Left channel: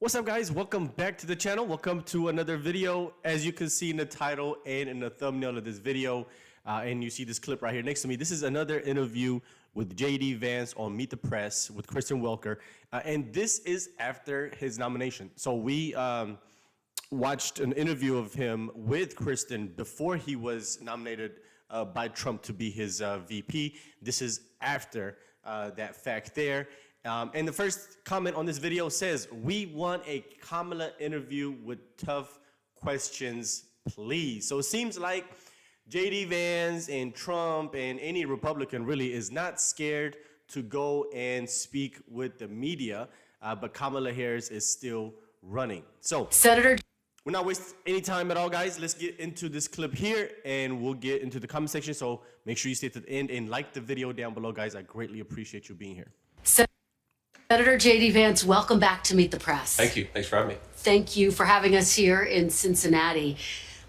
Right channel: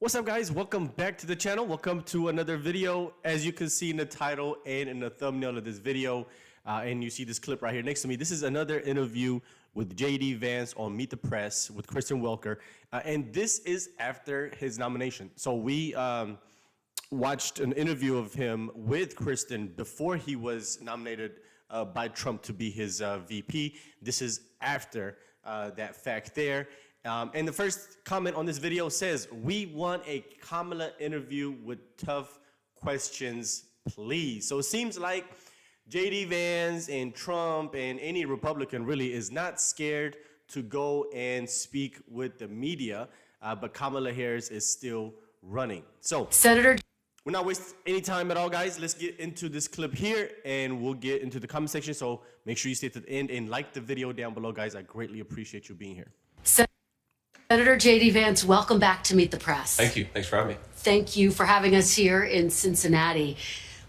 What's up, guys? Welcome back to the channel. Welcome to another video. As you can see in the title and in the thumbnail of this video, and you see this clip right here next to me, this is another interview with JD Vance on Meet the Press with Kristen Welker, and this is after his nomination. So we watched an interview of him with Kristen before he was nominated by Trump to be his VP. This is after that fact there. And the first comment on this video says, "We want a Kamala interview with tough questions, please." So it seems like JD Vance and Trump and any Republican really is not scared to go and speak with the media, but Kamala Harris is still running. So Senator, we're not wasting any time at all, guys. Let's get into this clip here and we'll get into the comment section. So make sure you stay to the end and like the video down below, guys. I greatly appreciate you being here. Senator JD Vance, welcome back to Meet the Press. Thank you. Thanks for having me. Thank you for having us here in Cincinnati.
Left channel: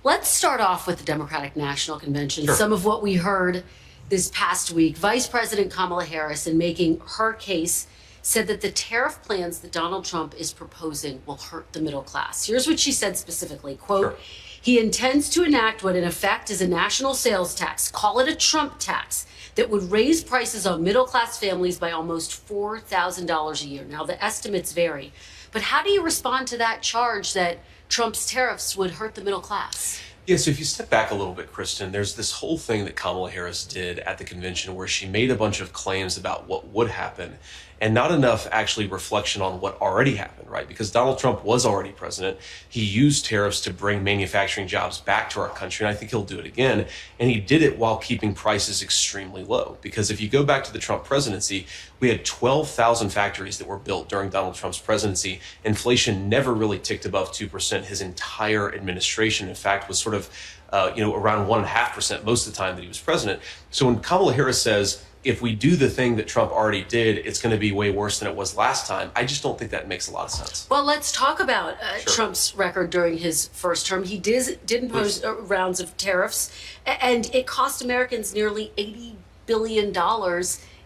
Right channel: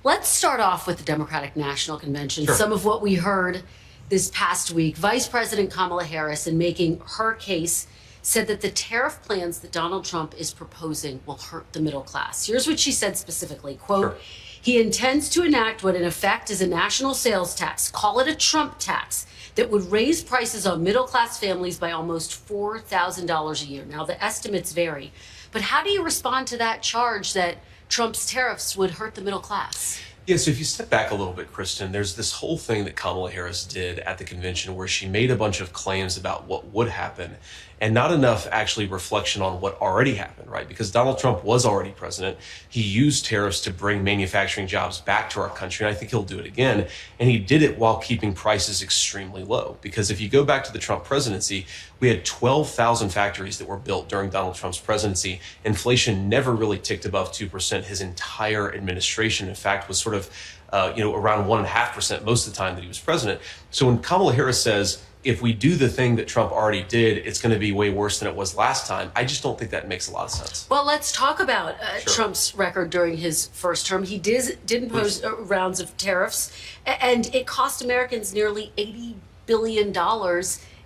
Let's start off with the Democratic National Convention. Sure. Some of what we heard this past week. Vice President Kamala Harris, in making her case, said that the tariff plans that Donald Trump is proposing will hurt the middle class. Here's what she said specifically, quote, Sure. He intends to enact what in effect is a national sales tax, call it a Trump tax, that would raise prices on middle-class families by almost $4,000 a year. Now, the estimates vary, but how do you respond to that charge that Trump's tariffs would hurt the middle class? Yeah, so if you step back a little bit, Kristen, there's this whole thing that Kamala Harris did at the convention where she made a bunch of claims about what would happen and not enough actually reflection on what already happened, right? Because Donald Trump was already president. He used tariffs to bring manufacturing jobs back to our country, and I think he'll do it again. And he did it while keeping prices extremely low. Because if you go back to the Trump presidency, we had 12,000 factories that were built during Donald Trump's presidency. Inflation never really ticked above 2% his entire administration. In fact, was sort of around 1.5% most of the time that he was president. So when Kamala Harris says, if we do the thing that Trump already did, it's going to be way worse than it was last time, I just don't think that makes a lot of sense. Well, let's talk about Sure. Trump's record during his first term. He did impose rounds of tariffs, and it cost Americans nearly $80 billion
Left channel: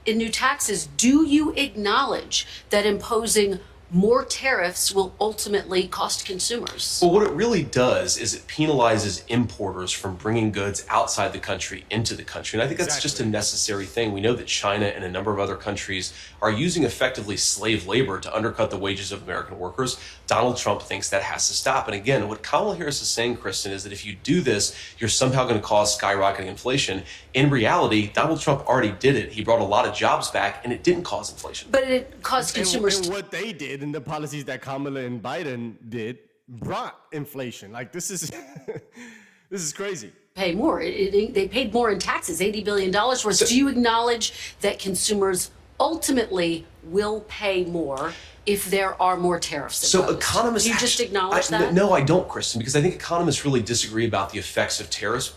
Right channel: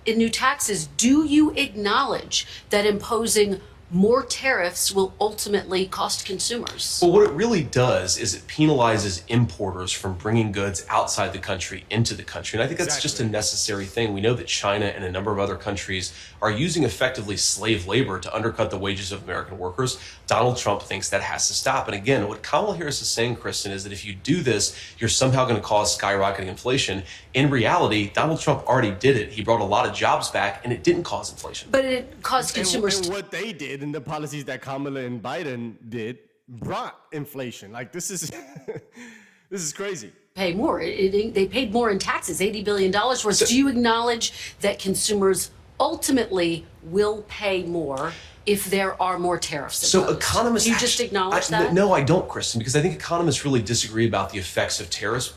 in new taxes. Do you acknowledge that imposing more tariffs will ultimately cost consumers? Well, what it really does is it penalizes importers from bringing goods outside the country into the country. And I think that's just a necessary thing. We know that China and a number of other countries are using effectively slave labor to undercut the wages of American workers. Donald Trump thinks that has to stop. And again, what Kamala Harris is saying, Kristen, is that if you do this, you're somehow going to cause skyrocketing inflation. In reality, Donald Trump already did it. He brought a lot of jobs back, and it didn't cause inflation. But it caused consumers. And what they did and the policies that Kamala and Biden did brought inflation. Like, this is this is crazy. Pay more. They paid more in taxes, $80 billion worth. Do you acknowledge that consumers ultimately will pay more if there are more tariffs imposed? So economists... Do you just acknowledge that? No, I don't, Kristen, because I think economists really disagree about the effects of tariffs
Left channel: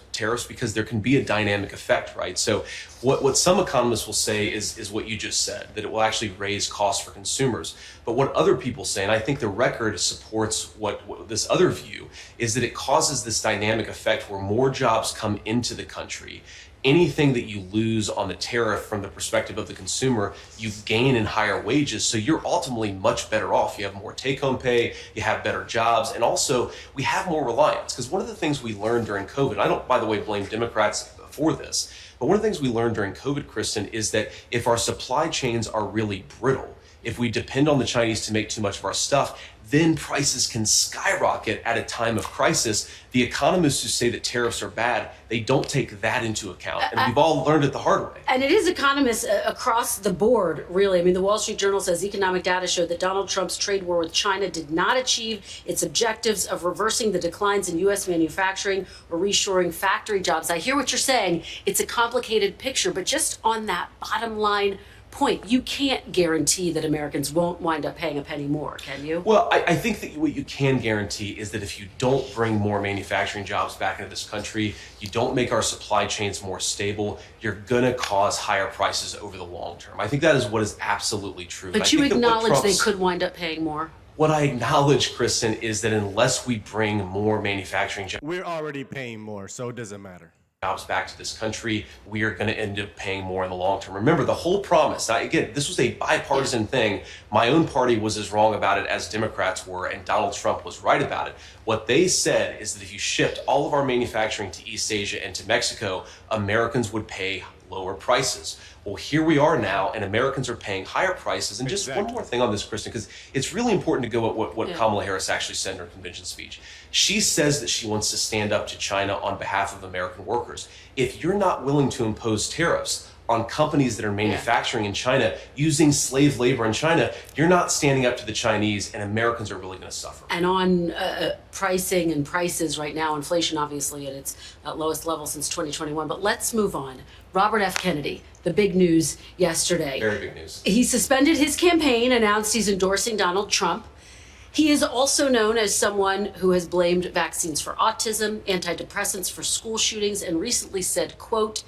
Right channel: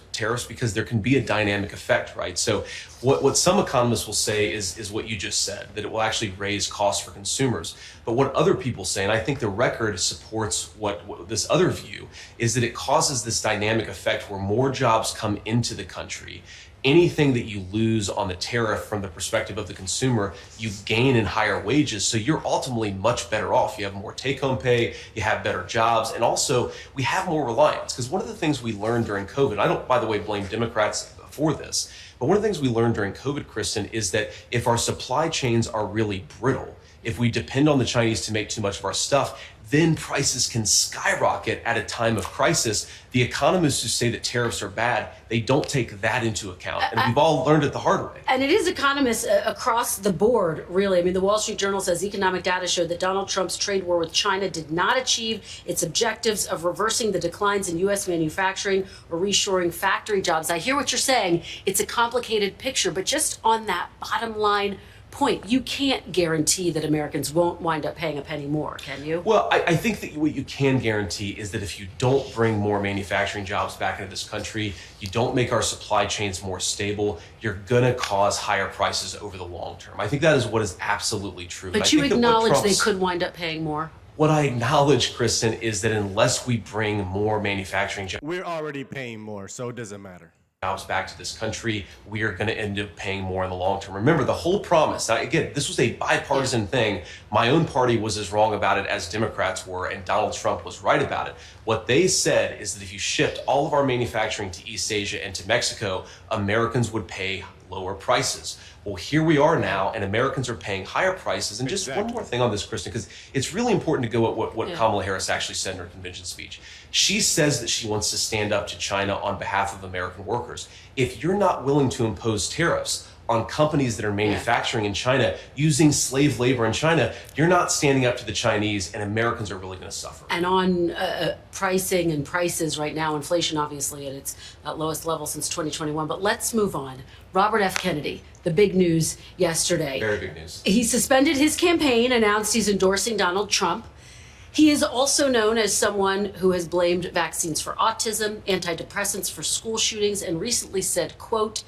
because there can be a dynamic effect, right? So what some economists will say is what you just said, that it will actually raise costs for consumers. But what other people say, and I think the record supports what this other view, is that it causes this dynamic effect where more jobs come into the country. Anything that you lose on the tariff from the perspective of the consumer, you gain in higher wages. So you're ultimately much better off. You have more take-home pay, you have better jobs, and also we have more reliance. Because one of the things we learned during COVID, I don't, by the way, blame Democrats for this, but one of the things we learned during COVID, Kristen, is that if our supply chains are really brittle, if we depend on the Chinese to make too much of our stuff, then prices can skyrocket at a time of crisis. The economists who say that tariffs are bad, they don't take that into account. And we've all learned it the hard way. And it is economists across the board, really. I mean, the Wall Street Journal says economic data showed that Donald Trump's trade war with China did not achieve its objectives of reversing the declines in U.S. manufacturing or reshoring factory jobs. I hear what you're saying. It's a complicated picture, but just on that bottom line point, you can't guarantee that Americans won't wind up paying a penny more, can you? Well, I think that what you can guarantee is that if you don't bring more manufacturing jobs back into this country, you don't make our supply chains more stable, you're gonna cause higher prices over the long term. I think that is what is absolutely true. But you acknowledge they could wind up paying more? What I acknowledge, Kristen, is that unless we bring more manufacturing jobs... We're already paying more, so it doesn't matter. jobs back to this country, we are going to end up paying more in the long term. Remember, the whole promise, now, again, this was a bipartisan thing. My own party was as wrong about it as Democrats were, and Donald Trump was right about it. What they said is that if you shipped all of our manufacturing to East Asia and to Mexico, Americans would pay lower prices. Well, here we are now, and Americans are paying higher prices. And just one more thing on this, Kristen, because it's really important to go at what Kamala Harris actually said in her convention speech. She says that she wants to stand up to China on behalf of American workers. If you're not willing to impose tariffs on companies that are manufacturing in China, using slave labor in China, you're not standing up to the Chinese, and Americans are really going to suffer. And on pricing and prices right now, inflation obviously at its lowest level since 2021. But let's move on. Robert F. Kennedy, the big news yesterday. Very big news. He suspended his campaign, announced he's endorsing Donald Trump. He is also known as someone who has blamed vaccines for autism, antidepressants for school shootings, and recently said, quote,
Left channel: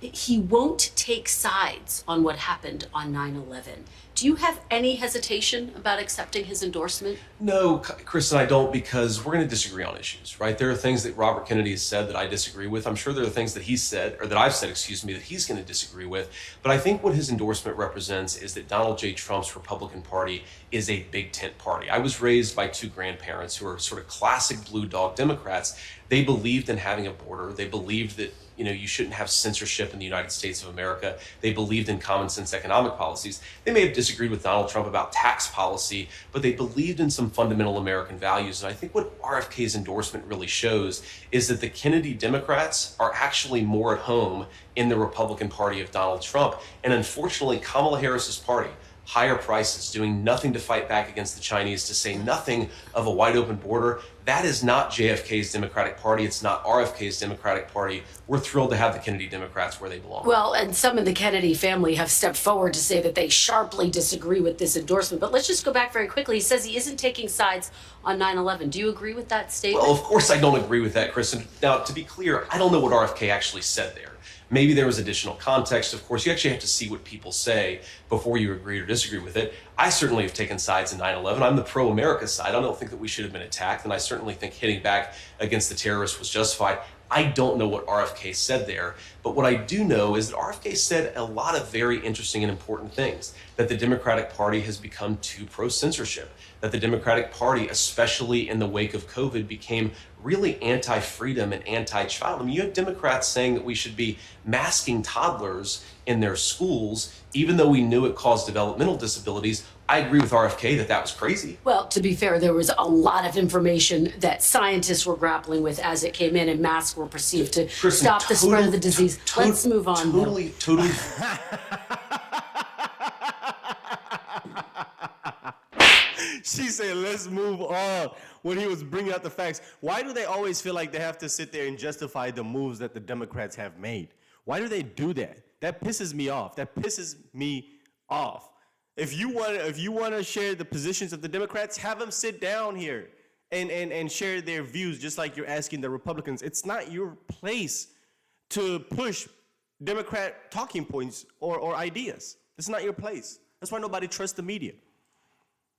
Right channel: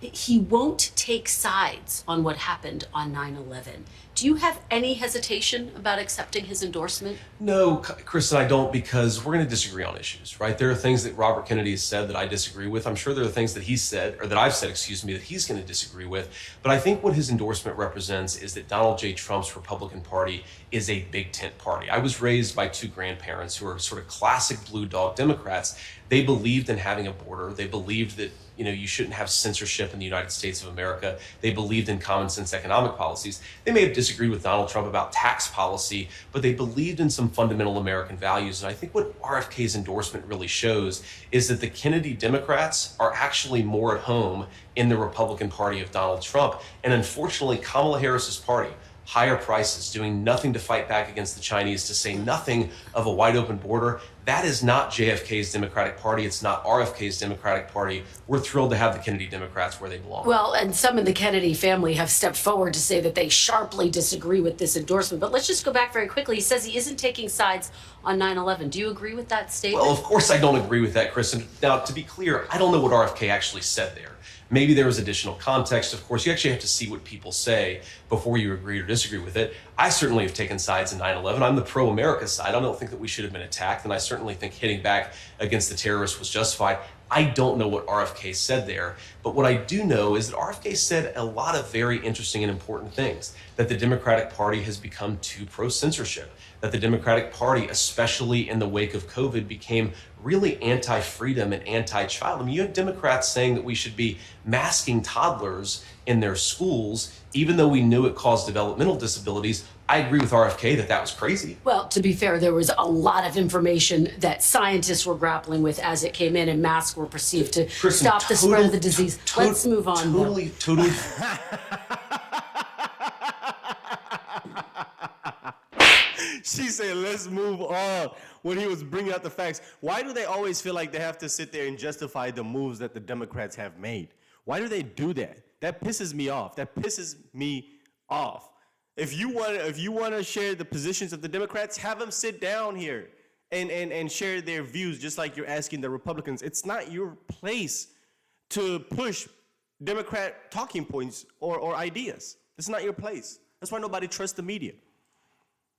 he won't take sides on what happened on 9/11. Do you have any hesitation about accepting his endorsement? No, Kristen, I don't, because we're going to disagree on issues, right? There are things that Robert Kennedy has said that I disagree with. I'm sure there are things that he said, or that I've said, excuse me, that he's going to disagree with. But I think what his endorsement represents is that Donald J. Trump's Republican Party is a big tent party. I was raised by two grandparents who are sort of classic blue dog Democrats. They believed in having a border. They believed that you shouldn't have censorship in the United States of America. They believed in common sense economic policies. They may have disagreed with Donald Trump about tax policy, but they believed in some fundamental American values. And I think what RFK's endorsement really shows is that the Kennedy Democrats are actually more at home in the Republican Party of Donald Trump. And unfortunately, Kamala Harris's party, higher prices, doing nothing to fight back against the Chinese, to say nothing of a wide open border. That is not JFK's Democratic Party. It's not RFK's Democratic Party. We're thrilled to have the Kennedy Democrats where they belong. Well, and some in the Kennedy family have stepped forward to say that they sharply disagree with this endorsement. But let's just go back very quickly. He says he isn't taking sides on 9/11. Do you agree with that statement? Well, of course I don't agree with that, Kristen. Now, to be clear, I don't know what RFK actually said there. Maybe there was additional context. Of course, you actually have to see what people say before you agree or disagree with it. I certainly have taken sides in 9/11. I'm the pro-America side. I don't think that we should have been attacked, and I certainly think hitting back against the terrorists was justified. I don't know what RFK said there, but what I do know is that RFK said a lot of very interesting and important things, that the Democratic Party has become too pro-censorship, that the Democratic Party, especially in the wake of COVID, became really anti-freedom and anti-child. I mean, you had Democrats saying that we should be masking toddlers in their schools, even though we knew it caused developmental disabilities. I agree with RFK that that was crazy. Well, to be fair, there was a lot of information that scientists were grappling with as it came in, and masks were perceived to stop the spread of the disease. Let's move on. Totally. She said, let's move on, when he was bringing out the facts. Why do they always feel like they have to sit there and justify the moves that the Democrats have made? Why do they do that? That pisses me off. If you want to share the positions of the Democrats, have them sit down here and share their views, just like you're asking the Republicans. It's not your place to push Democrat talking points or ideas. It's not your place. That's why nobody trusts the media.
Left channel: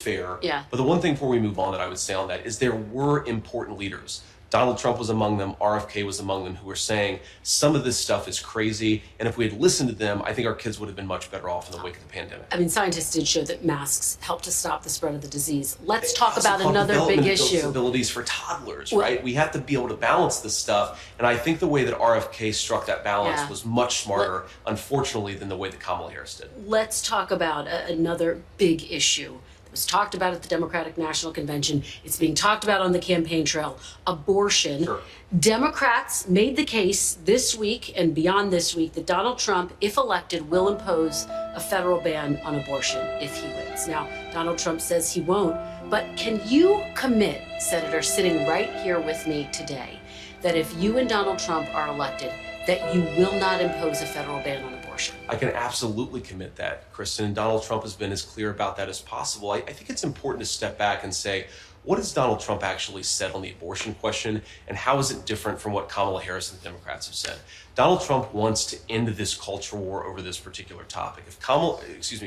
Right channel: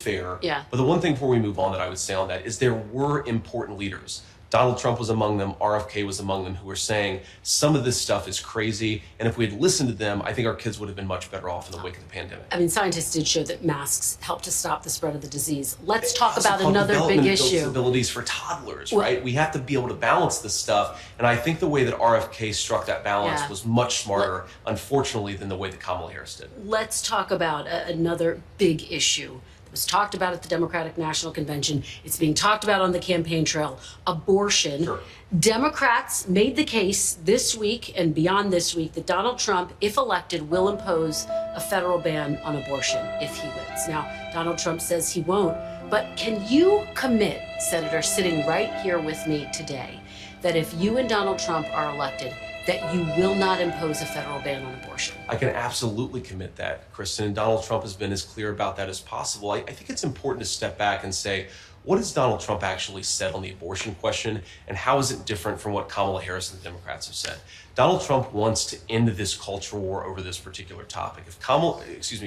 Fair. Yeah. But the one thing before we move on that I would say on that is there were important leaders. Donald Trump was among them. RFK was among them, who were saying some of this stuff is crazy. And if we had listened to them, I think our kids would have been much better off in the wake of the pandemic. I mean, scientists did show that masks help to stop the spread of the disease. Let's talk about another big issue. Disabilities for toddlers, right? We have to be able to balance this stuff. And I think the way that RFK struck that balance was much smarter, unfortunately, than the way that Kamala Harris did. Let's talk about another big issue. It was talked about at the Democratic National Convention. It's being talked about on the campaign trail. Abortion. Sure. Democrats made the case this week and beyond this week that Donald Trump, if elected, will impose a federal ban on abortion if he wins. Now, Donald Trump says he won't, but can you commit, Senator, sitting right here with me today, that if you and Donald Trump are elected, that you will not impose a federal ban on abortion? I can absolutely commit that, Kristen, and Donald Trump has been as clear about that as possible. I think it's important to step back and say, what has Donald Trump actually said on the abortion question, and how is it different from what Kamala Harris and the Democrats have said? Donald Trump wants to end this culture war over this particular topic. If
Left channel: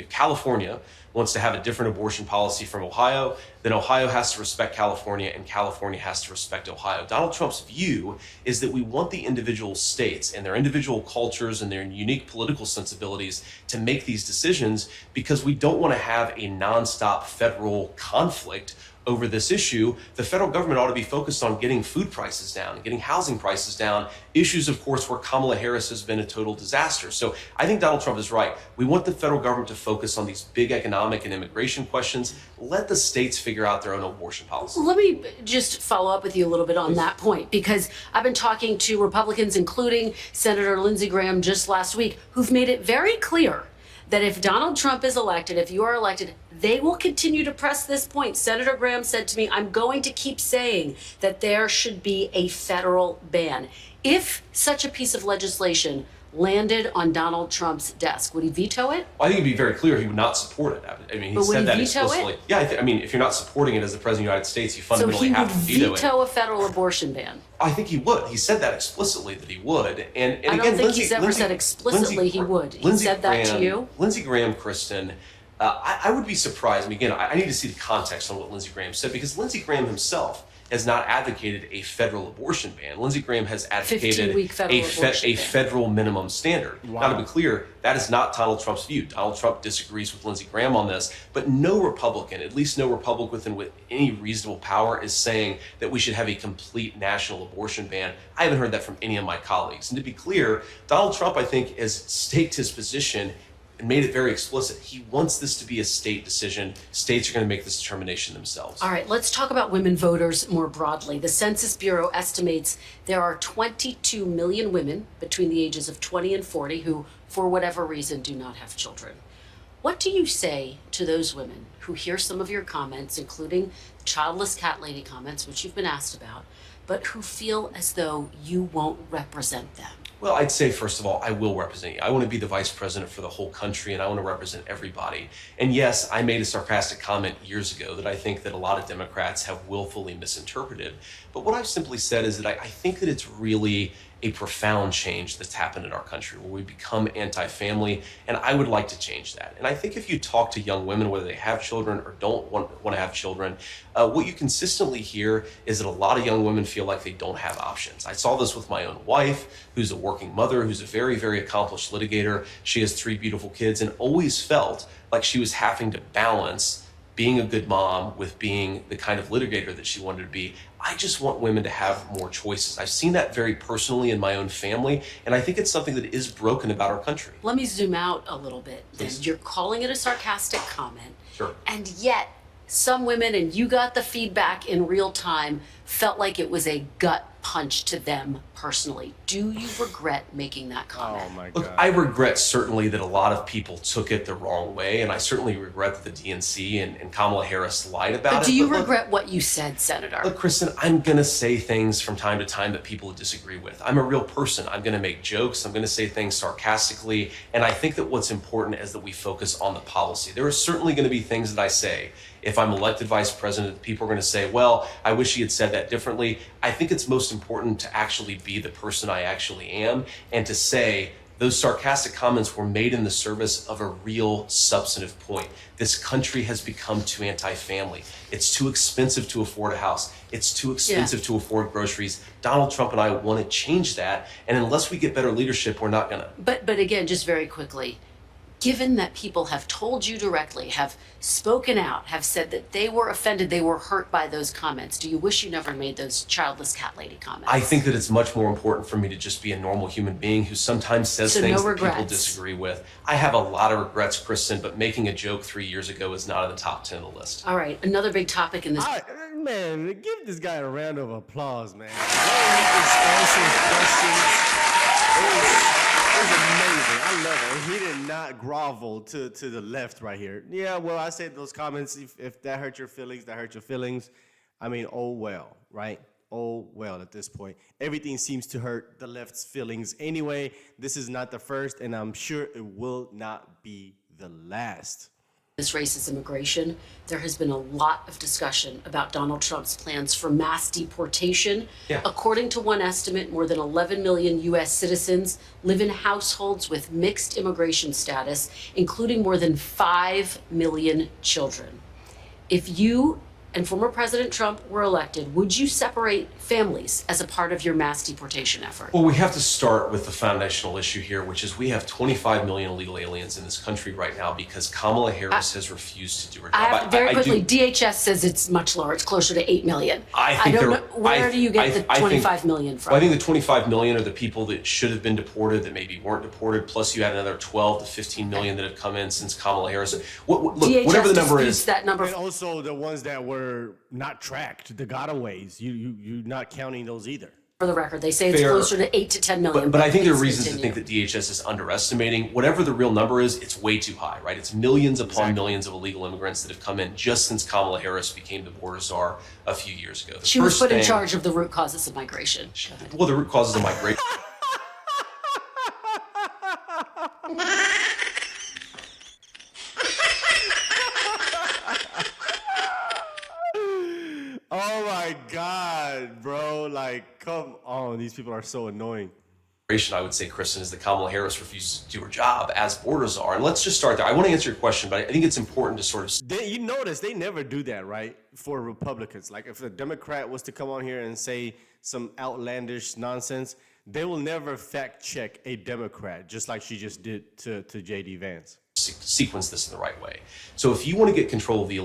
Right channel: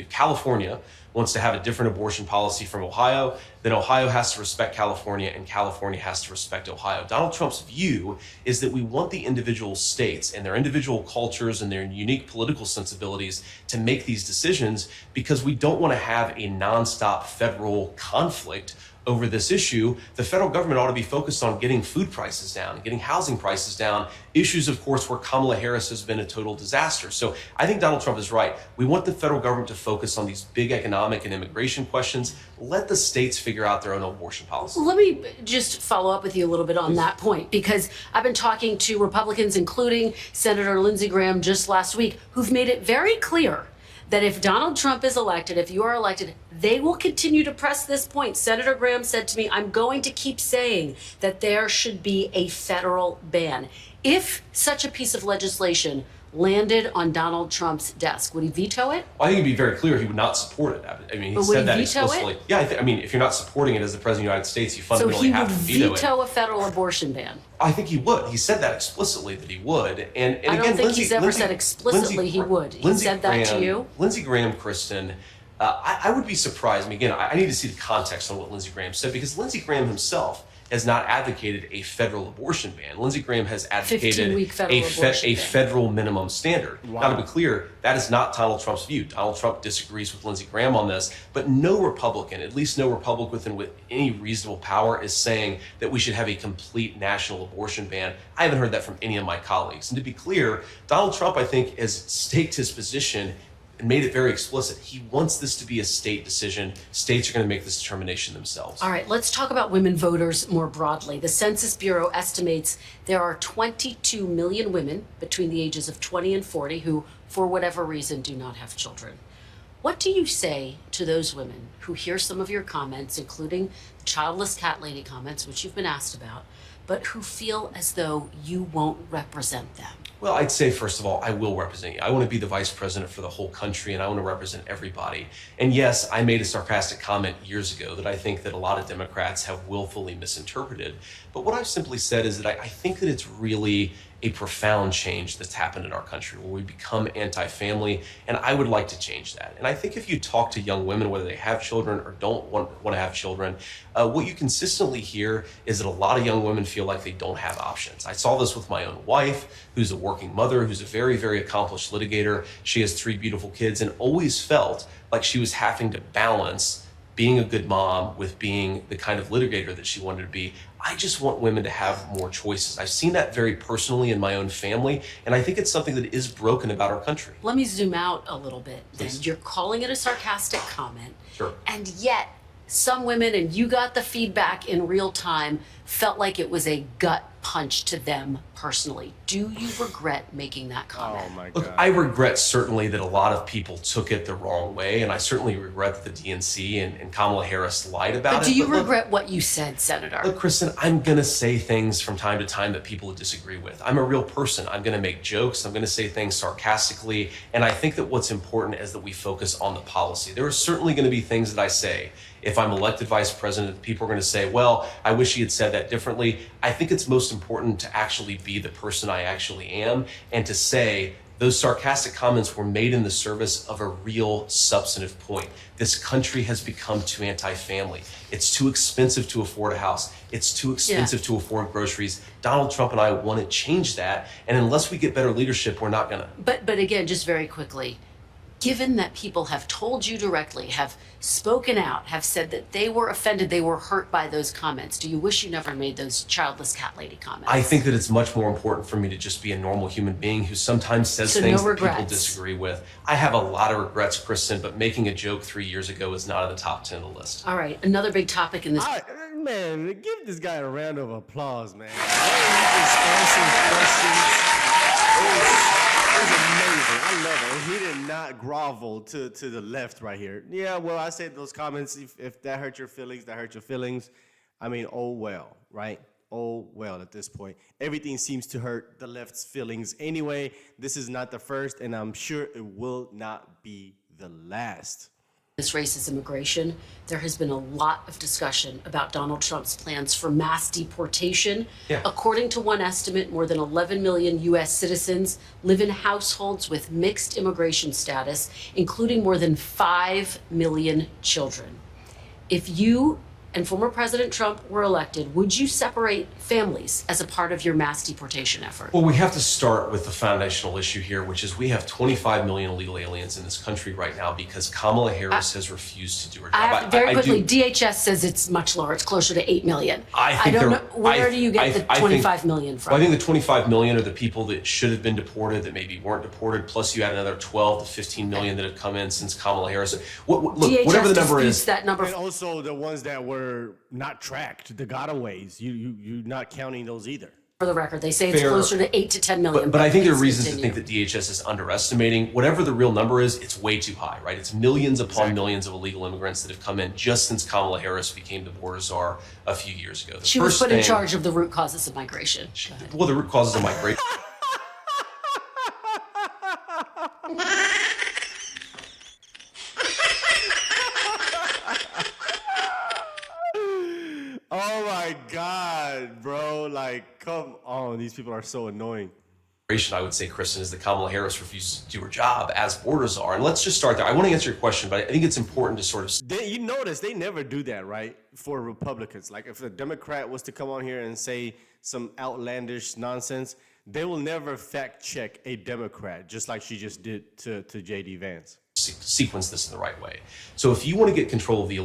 California wants to have a different abortion policy from Ohio, then Ohio has to respect California and California has to respect Ohio. Donald Trump's view is that we want the individual states and their individual cultures and their unique political sensibilities to make these decisions, because we don't want to have a nonstop federal conflict over this issue. The federal government ought to be focused on getting food prices down and getting housing prices down, issues, of course, where Kamala Harris has been a total disaster. So I think Donald Trump is right. We want the federal government to focus on these big economic and immigration questions. Let the states figure out their own abortion policy. Let me just follow up with you a little bit on that point, because I've been talking to Republicans, including Senator Lindsey Graham just last week, who've made it very clear that if Donald Trump is elected, if you are elected, they will continue to press this point. Senator Graham said to me, I'm going to keep saying that there should be a federal ban. If such a piece of legislation landed on Donald Trump's desk, would he veto it? Well, I think it'd be very clear he would not support it. I mean, he said that explicitly. Yeah, I mean, if you're not supporting it as the President of the United States, you fundamentally have to veto it. So he would veto a federal abortion ban? I think he would. He said that explicitly that he would. And I again, don't think he's ever said explicitly he would. He said that to you? Lindsey Graham, Kristen, I would be surprised. I mean, again, I need to see the context on what Lindsey Graham said, because Lindsey Graham himself has not advocated a federal abortion ban. Lindsey Graham has advocated a federal minimum standard. Wow. Now, to be clear, that is not Donald Trump's view. Donald Trump disagrees with Lindsey Graham on this, but no Republican, at least no Republican with any reasonable power, is saying that we should have a complete national abortion ban. I haven't heard that from any of my colleagues. And to be clear, Donald Trump, I think, has staked his position and made it very explicit. He wants this to be a state decision. States are going to make this determination themselves. All right, let's talk about women voters more broadly. The Census Bureau estimates there are 22 million women between the ages of 20 and 40 who, for whatever reason, do not have children. What do you say to those women who hear some of your comments, including the childless cat lady comments, which you've been asked about, but who feel as though you won't represent them? Well, I'd say, first of all, I will represent you. I want to be the vice president for the whole country, and I want to represent everybody. And yes, I made a sarcastic comment years ago that I think that a lot of Democrats have willfully misinterpreted. But what I've simply said is that I think that it's really a profound change that's happened in our country, where we become anti-family, and I would like to change that. And I think if you talk to young women, whether they have children or don't want to have children, what you consistently hear is that a lot of young women feel like they don't have options. I saw this with my own wife, who's a working mother, who's a very, very accomplished litigator. She has 3 beautiful kids, and always felt like she was having to balance being a good mom with being the kind of litigator that she wanted to be. I just want women to have more choices. I've seen that very personally in my own family, and I think it's something that is broken about our country. Let me zoom out a little bit. Please. You're calling it a sarcastic comment. Sure. And yet, some women, and you got the feedback in real time, felt like it was a gut punch to them personally. Do you regret making that comment? Oh my Look, God. I regret certainly that a lot of people took it the wrong way, and I certainly regret that the DNC and Kamala Harris lied about it. But do you look, regret what you said, Senator? Look, Kristen, I'm going to say things from time to time that people disagree with. I'm a real person. I'm going to make jokes. I'm going to say things sarcastically. And I think that what's important is that we focus on the policy. There are certainly going to be things that I say, if I'm elected vice president, people are going to say, well, I wish he had said that differently. I think it's most important to actually be the person I actually am, and to say those sarcastic comments were made in the service of a real substantive point. This country has become too anti-family. It's too expensive to afford a house. It's too expensive to afford groceries. Donald Trump and I want to change that. And unless we get better leadership, we're not going to. But again, just very quickly, given that people have told you directly, have spoken out, have said that they were offended, they were hurt by those comments, do you wish you never made those childless cat lady comments? I think that it's much more important for me to just be a normal human being who sometimes says things that people disagree with. I have a lot of regrets, Kristen, but making a joke 3 years ago is not in the top 10 of the list. All right, another big topic in this. Man, give this guy a round of applause, man. The way he just answers questions is amazing. I love it. He did not grovel to the left right here. Yeah, well, I said those comments, if that hurt your feelings, that hurt your feelings. I mean, oh well, right? Oh well, at this point. Everything seems to hurt the left's feelings anyway. This is not the first, and I'm sure it will not be the last. This race is immigration. There has been a lot of discussion about Donald Trump's plans for mass deportation. Yeah. According to one estimate, more than 11 million U.S. citizens live in households with mixed immigration status, including more than 5 million children. If you and former President Trump were elected, would you separate families as a part of your mass deportation effort? Well, we have to start with the foundational issue here, which is we have 25 million illegal aliens in this country right now because Kamala Harris has refused to do her job. Very quickly, DHS says it's much lower. It's closer to 8 million. I don't know. Where do you get the 25 million from? Well, I think the 25 million are the people that should have been deported that maybe weren't deported, plus you had another 12 to 15 million that have come in since Kamala Harris. Look, DHS whatever the number is. That number. And also the ones that were not tracked, the gotaways. You're not counting those either. For the record, they say it's closer to 8 to 10 million. But I think there are reasons to think that DHS is underestimating. Whatever the real number is, it's way too high, right? It's millions upon millions of illegal immigrants that have come in just since Kamala Harris became the border czar a few years ago. She was put in charge of the root causes of migration. Well, the root causes of migration. Oh my God, bro. Like, come on. These people are so annoying. I would say, Kristen, is that Kamala Harris refuses to do her job as border czar. And let's just start there. I want to answer your question, but I think it's important to sort of... You notice they never do that, right? For Republicans. Like, if a Democrat was to come on here and say some outlandish nonsense, they will never fact check a Democrat, just like she just did to J.D. Vance. Sequence this in the right way. So if you want to get control of the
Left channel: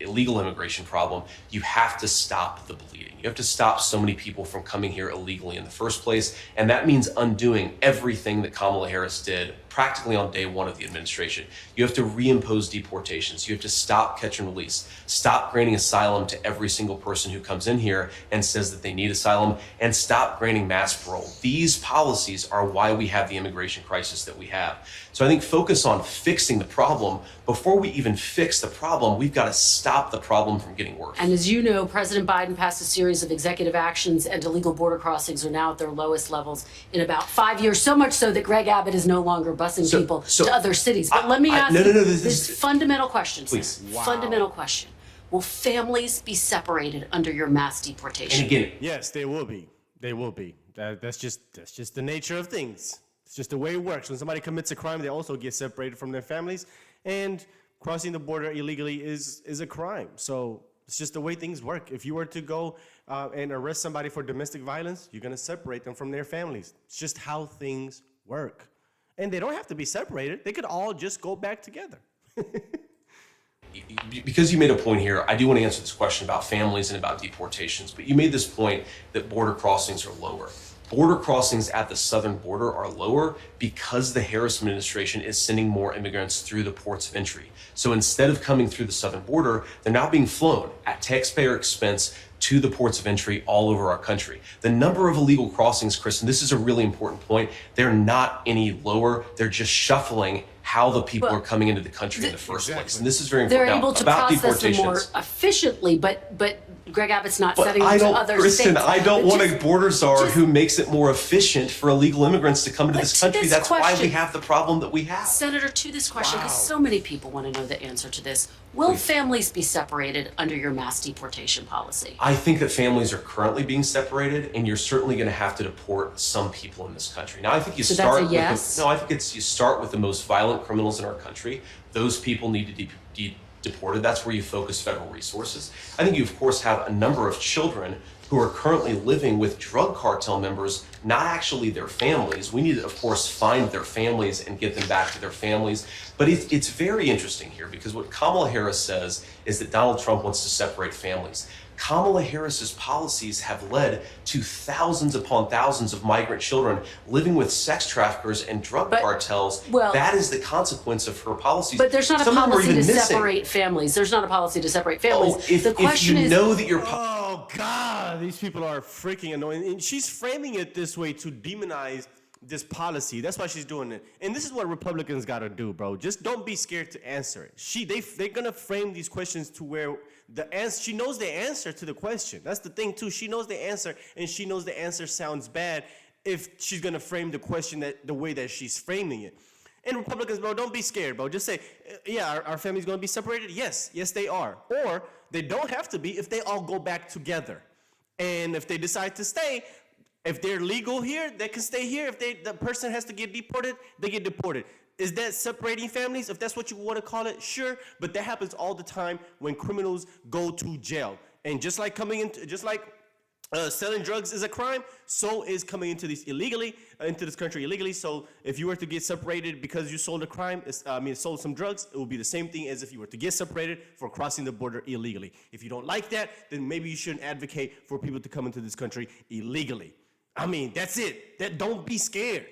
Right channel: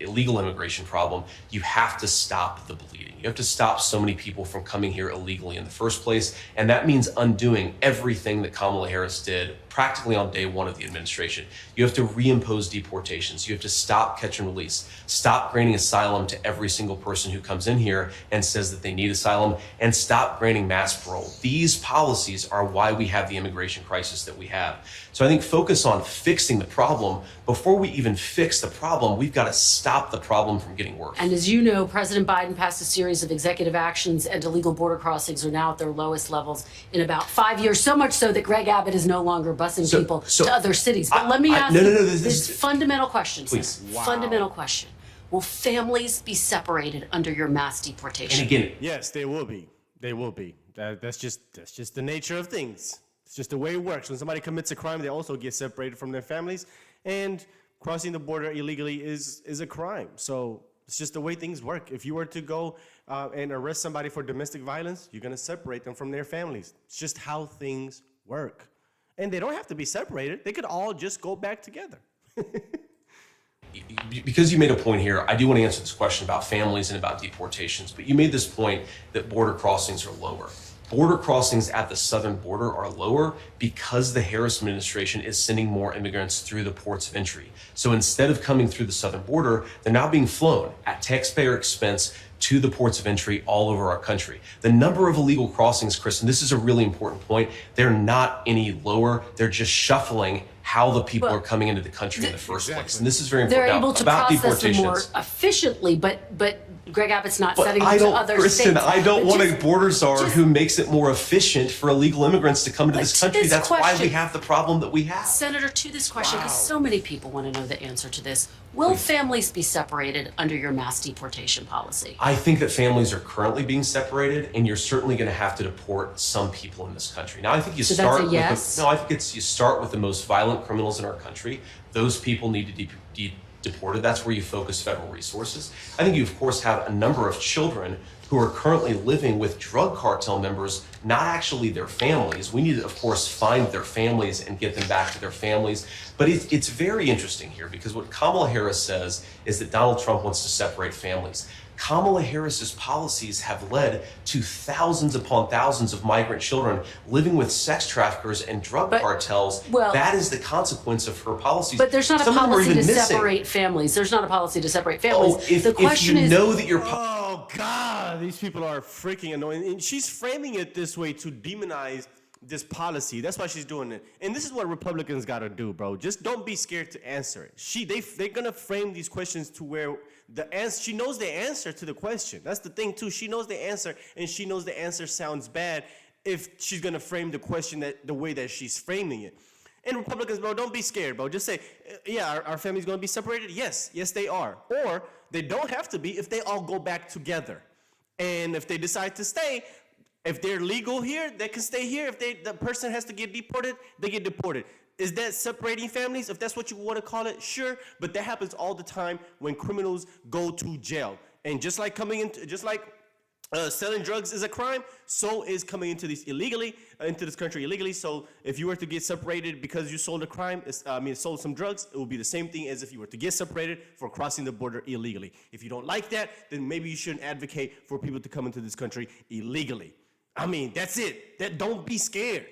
illegal immigration problem, you have to stop the bleeding. You have to stop so many people from coming here illegally in the first place. And that means undoing everything that Kamala Harris did practically on day one of the administration. You have to reimpose deportations. You have to stop catch and release. Stop granting asylum to every single person who comes in here and says that they need asylum, and stop granting mass parole. These policies are why we have the immigration crisis that we have. So I think focus on fixing the problem. Before we even fix the problem, we've got to stop the problem from getting worse. And as you know, President Biden passed a series of executive actions, and illegal border crossings are now at their lowest levels in about 5 years, so much so that Greg Abbott is no longer busing people to other cities. But let me ask you this fundamental question, please. Wow. Fundamental question. Will families be separated under your mass deportation? And again, yes, they will be. They will be. That's just the nature of things. It's just the way it works. When somebody commits a crime, they also get separated from their families. And crossing the border illegally is a crime. So it's just the way things work. If you were to go and arrest somebody for domestic violence, you're going to separate them from their families. It's just how things work. And they don't have to be separated. They could all just go back together. Because you made a point here, I do want to answer this question about families and about deportations, but you made this point that border crossings are lower. Border crossings at the southern border are lower because the Harris administration is sending more immigrants through the ports of entry. So instead of coming through the southern border, they're now being flown at taxpayer expense to the ports of entry all over our country. The number of illegal crossings, Kristen, this is a really important point, they're not any lower. They're just shuffling how the people are coming into the country in the first place. And this is very important. They're able to process them more efficiently, but Greg Abbott's not setting them to other Kristen, states. I don't want a border czar who makes it more efficient for illegal immigrants to come into this country. That's why we have the problem that we have. Senator, to this question, because so many people want to know the answer to this. Will families be separated under your mass deportation policy? I think that families are currently being separated, and you're certainly going to have to deport some people in this country. Now, I think you start with I think you start with the most violent criminals in our country. Those people need to be deported. That's where you focus federal resources. I think you, of course, have a number of children who are currently living with drug cartel members, not actually their families. We need to, of course, find their families and get them back to their families. But it's very interesting here because what Kamala Harris says is that Donald Trump wants to separate families. Kamala Harris's policies have led to thousands upon thousands of migrant children living with sex traffickers and drug cartels. That is the consequence of her policies. But there's not a policy to separate families. There's not a policy to separate families. The question is, know that you're... Oh, God, these people are freaking annoying. And she's framing it this way to demonize this policy. That's why she's doing it. And this is what Republicans got to do, bro. Just don't be scared to answer it. They're going to frame these questions to where she knows the answer to the question. That's the thing, too. She knows the answer, and she knows the answer sounds bad if she's going to frame the question the way that she's framing it. And Republicans, bro, don't be scared, bro. Just say, yeah, our family's going to be separated. Yes, they are. Or they don't have to be if they all go back together. And if they decide to stay, if they're legal here, they can stay here. If the person has to get deported, they get deported. Is that separating families? If that's what you want to call it, sure. But that happens all the time when criminals go to jail. And just like selling drugs is a crime, so is coming into this country illegally. So if you were to get separated because you sold sold some drugs, it would be the same thing as if you were to get separated for crossing the border illegally. If you don't like that, then maybe you shouldn't advocate for people to come into this country illegally. I mean, that's it. Don't be scared.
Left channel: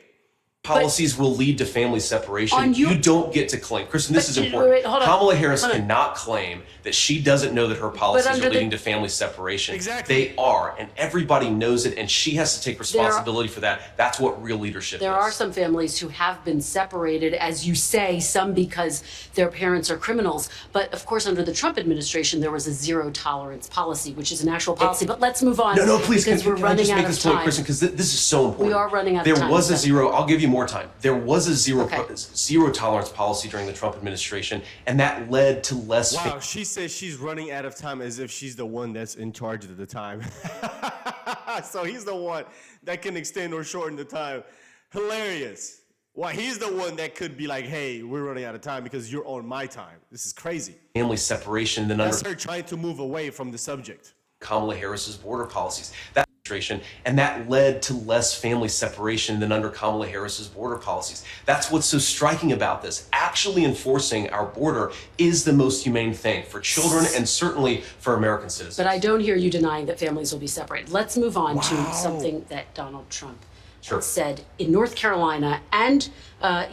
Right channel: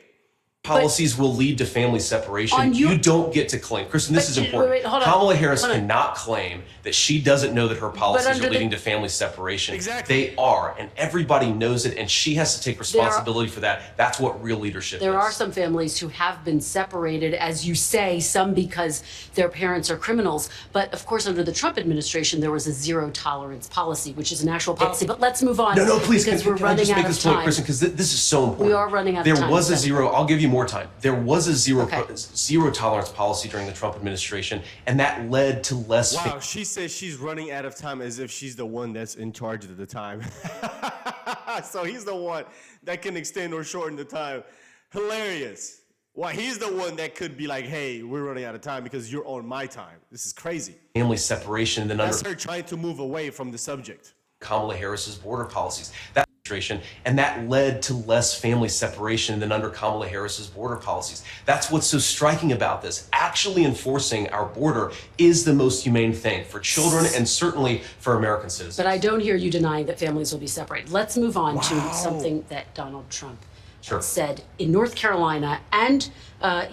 Policies will lead to family separation. You don't get to claim. Kristen, this is important. Hold on. Kamala Harris cannot claim that she doesn't know that her policies are leading to family separation. Exactly. They are, and everybody knows it, and she has to take responsibility for that. That's what real leadership is. There are some families who have been separated, as you say, some because their parents are criminals. But of course, under the Trump administration, there was a zero tolerance policy, which is an actual policy. But let's move on. No, please, because we're can I running just out make of this point, time. Kristen, because this is so important. We are running out of time. There was a so- zero, I'll give you more time. There was a zero Okay. tolerance policy during the Trump administration, and that led to less. Wow, she says she's running out of time as if she's the one that's in charge at the time. So he's the one that can extend or shorten the time. Hilarious. Why, he's the one that could be like, hey, we're running out of time because you're on my time. This is crazy. Family separation than That's under her trying to move away from the subject. Kamala Harris's border policies. That administration, and that led to less family separation than under Kamala Harris's border policies. That's what's so striking about this. Actually enforcing our border is the most humane thing for children and certainly for American citizens. But I don't hear you denying that families will be separated. Let's move on to something that Donald Trump said in North Carolina and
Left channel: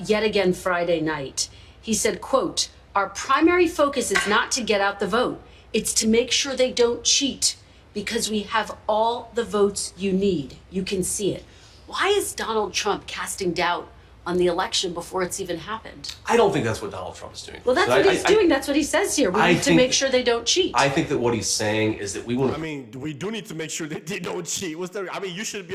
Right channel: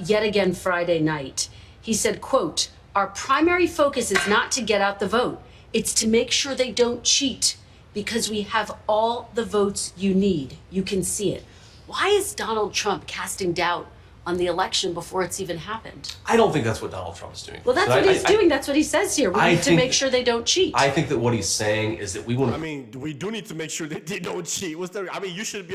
yet again Friday night. He said, quote, "Our primary focus is not to get out the vote. It's to make sure they don't cheat because we have all the votes you need. You can see it." Why is Donald Trump casting doubt on the election before it's even happened? I don't think that's what Donald Trump is doing. Well, that's what he's doing. That's what he says here. We need to make sure they don't cheat. I think that what he's saying is that we want to. I mean, we do need to make sure that they don't cheat. You should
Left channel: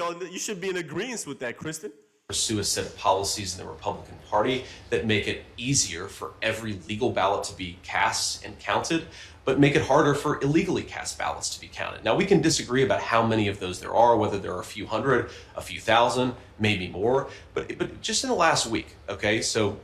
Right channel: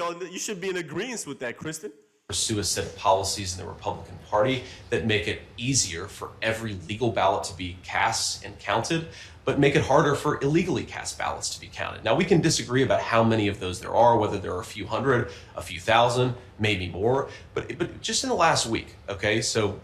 be in agreement with that, Kristen. Pursue a set of policies in the Republican Party that make it easier for every legal ballot to be cast and counted, but make it harder for illegally cast ballots to be counted. Now, we can disagree about how many of those there are, whether there are a few hundred, a few thousand, maybe more, but just in the last week, okay? So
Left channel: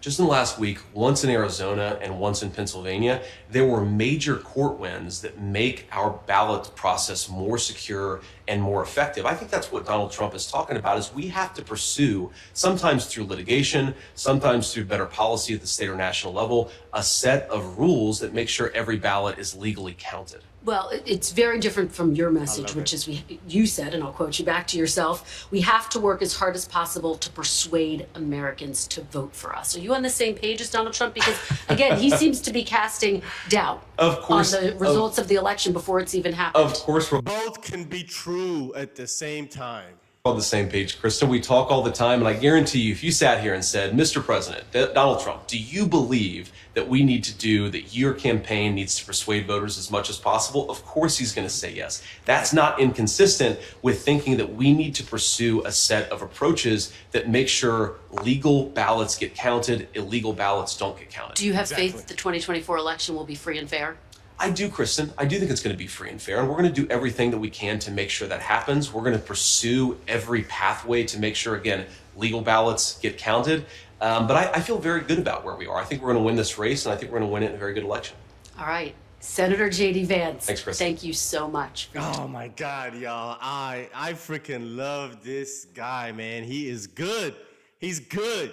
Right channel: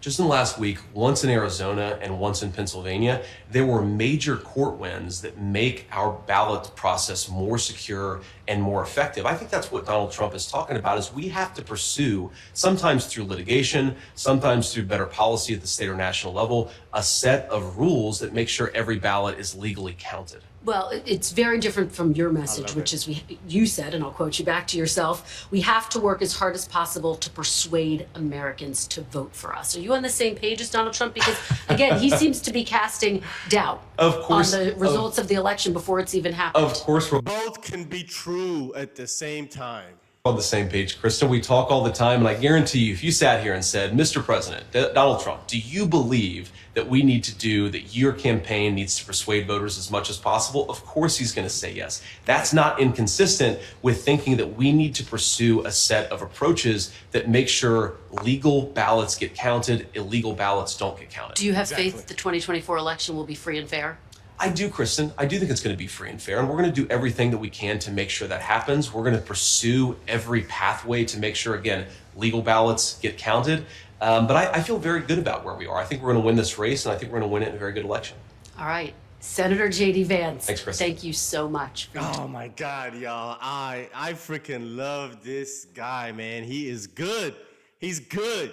just in the last week, once in Arizona and once in Pennsylvania, there were major court wins that make our ballot process more secure and more effective. I think that's what Donald Trump is talking about, is we have to pursue, sometimes through litigation, sometimes through better policy at the state or national level, a set of rules that make sure every ballot is legally counted. Well, it's very different from your message, which is you said, and I'll quote you back to yourself, we have to work as hard as possible to persuade Americans to vote for us. Are you on the same page as Donald Trump? Because, again, he seems to be casting doubt on the results of the election before it's even happened. Of course, we're Both can be true at the same time. on the same page, Kristen. We talk all the time, and I guarantee you, if you sat here and said, Mr. President, Donald Trump, do you believe that we need to do, that your campaign needs to persuade voters as much as possible? Of course he's going to say yes. That's not inconsistent with thinking that we need to pursue a set of approaches that make sure legal ballots get counted, illegal ballots don't get counted. Do you have faith that the 2024 election will be free and fair? I do, Kristen. I do think it's going to be free and fair, and we're going to do everything that we can to make sure that happens. We're going to pursue every pathway to make sure, again, legal ballots get counted. But I feel very good about where we are. I think we're going to win this race, and I think we're going to win it in a very good election. All right. Senator J.D. Vance. Thanks, Kristen. Thank you so much. Oh my God, y'all. I freaking love this guy, man. He is good. He's good.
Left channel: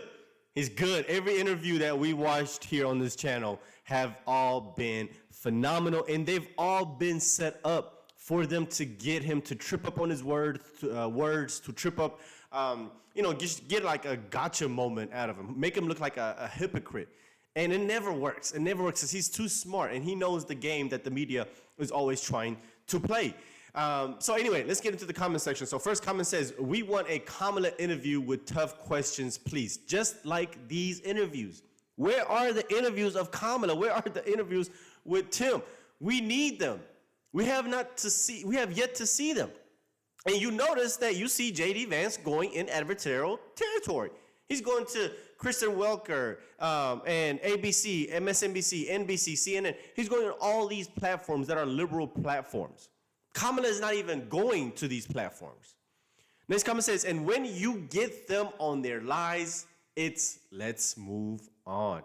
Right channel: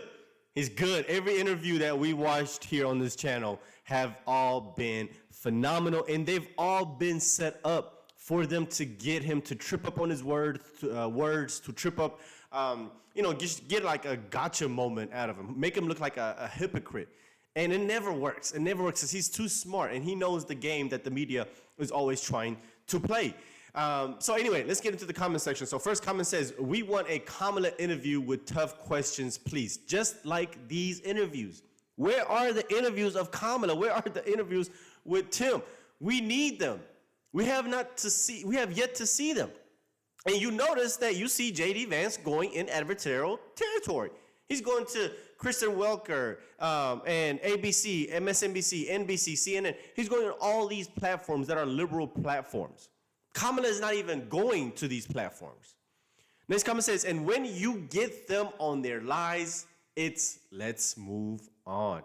He's good. Every interview that we watched here on this channel have all been phenomenal, and they've all been set up for them to get him to trip up on his words, to trip up, just get like a gotcha moment out of him, make him look like a hypocrite. And it never works. It never works because he's too smart, and he knows the game that the media is always trying to play. So anyway, let's get into the comment section. So first comment says, we want a Kamala interview with tough questions, please. Just like these interviews. Where are the interviews of Kamala? Where are the interviews with Tim? We need them. We have yet to see them. And you notice that you see J.D. Vance going in adversarial territory. He's going to Kristen Welker, and ABC, MSNBC, NBC, CNN. He's going on all these platforms that are liberal platforms. Kamala is not even going to these platforms. Next comment says, and when you get them on their lies, it's let's move on.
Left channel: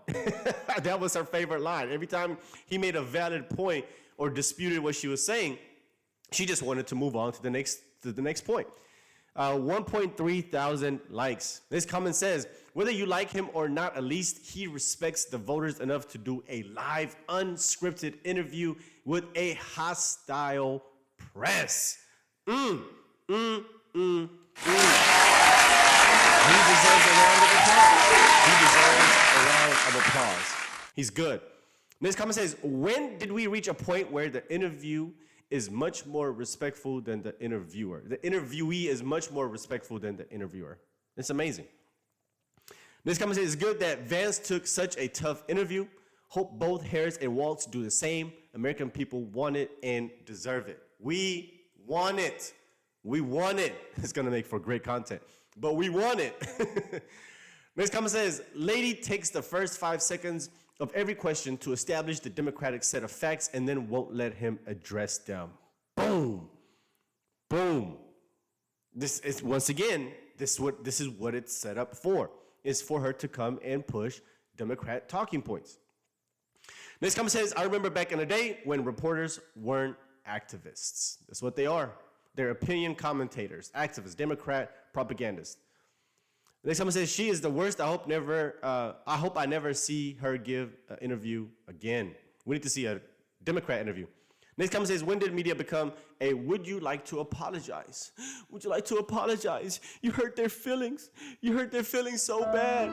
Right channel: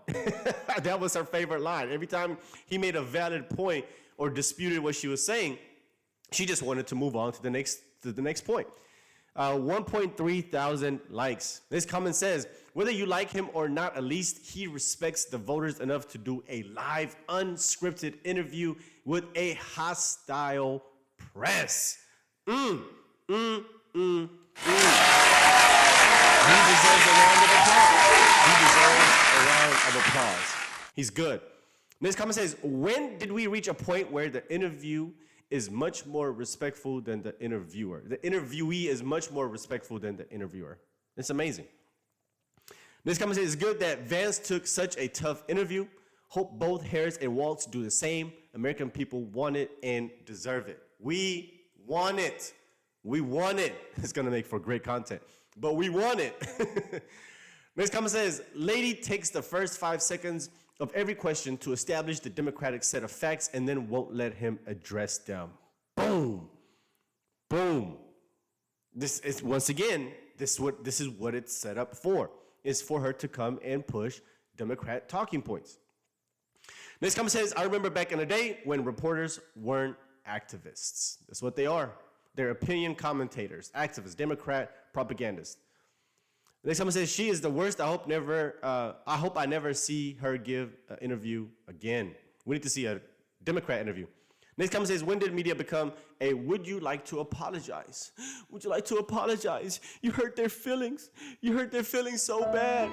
That was her favorite line. Every time he made a valid point or disputed what she was saying, she just wanted to move on to the next point. 1.3 thousand likes. This comment says, whether you like him or not, at least he respects the voters enough to do a live, unscripted interview with a hostile press. He deserves a round of applause. He's good. This comment says, when did we reach a point where the interview is much more respectful than the interviewer? The interviewee is much more respectful than the interviewer. It's amazing. This comment says, it's good that Vance took such a tough interview. Hope both Harris and Walz do the same. American people want it and deserve it. We want it. We want it. It's going to make for great content, but we want it. Next comment says, lady takes the first 5 seconds of every question to establish the Democratic set of facts and then won't let him address them. Boom. Boom. This is, once again, this is what it's set up for. It's for her to come and push Democrat talking points. Next comment says, I remember back in the day when reporters weren't activists. That's what they are. They're opinion commentators, activists, Democrat propagandists. The next comment says, she is the worst. I hope I never see her give an interview again. We need to see a Democrat interview. Next comment says, when did media become a would you like to apologize? Would you like to apologize? You hurt their feelings. You hurt their feelings so bad.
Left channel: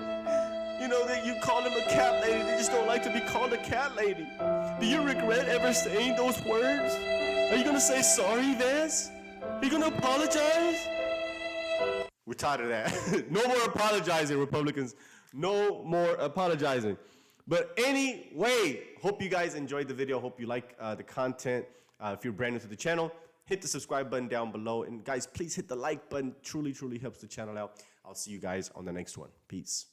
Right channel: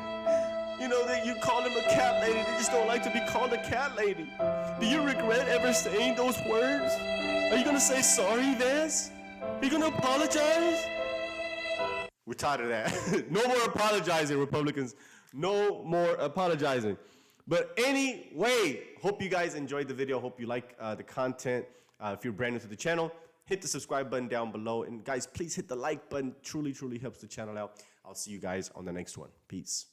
You know that you call them a cat lady. They just don't like to be called a cat lady. Do you regret ever saying those words? Are you going to say sorry, Vance? Are you going to apologize? We're tired of that. No more apologizing, Republicans. No more apologizing. But anyway, hope you guys enjoyed the video. Hope you like the content. If you're brand new to the channel, hit the subscribe button down below. And guys, please hit the like button. Truly, truly helps the channel out. I'll see you guys on the next one. Peace.